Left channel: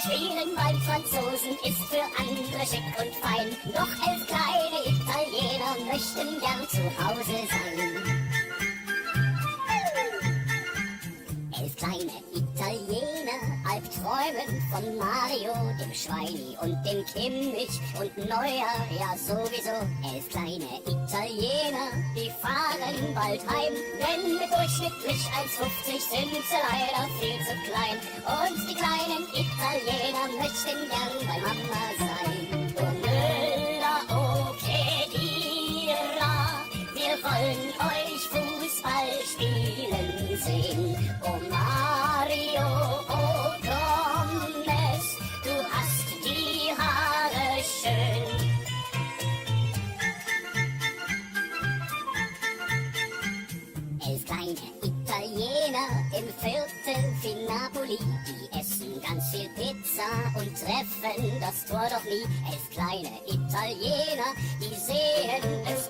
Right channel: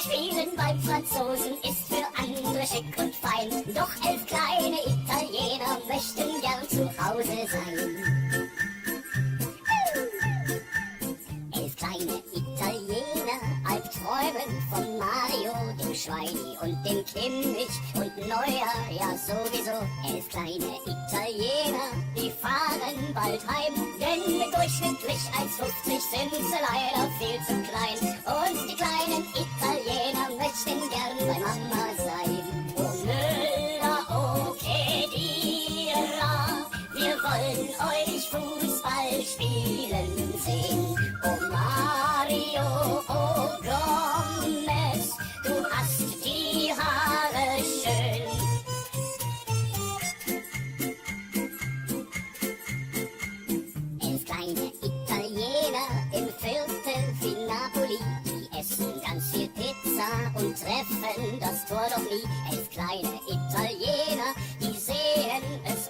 Spielen beim Franzosen ist für andere schick und fein. Doch 11 kleine Italiener möchten gern zu Hause sein. 11 kleine Italiener albträumen von Mario, dem Schweini und dem Kimmich und Neuer, ja sowieso. 11 kleine Italiener, die fahren bald heim, denn mit durchschnittlich 1,50 sind sie leider viel zu klein. Und die kleinen Italiener möchten gern bei Mama sein. Oh Müller, oh Kedira, wir wollen euch Fußball spielen sehen. Oh Mario, oh Gomez, du hast die Haare schön. Elf kleine Italiener im Viertel wie Napoli, die essen ganz viel Pizza und treffen das Tor doch nie. 11 kleine Italiener, die sehen es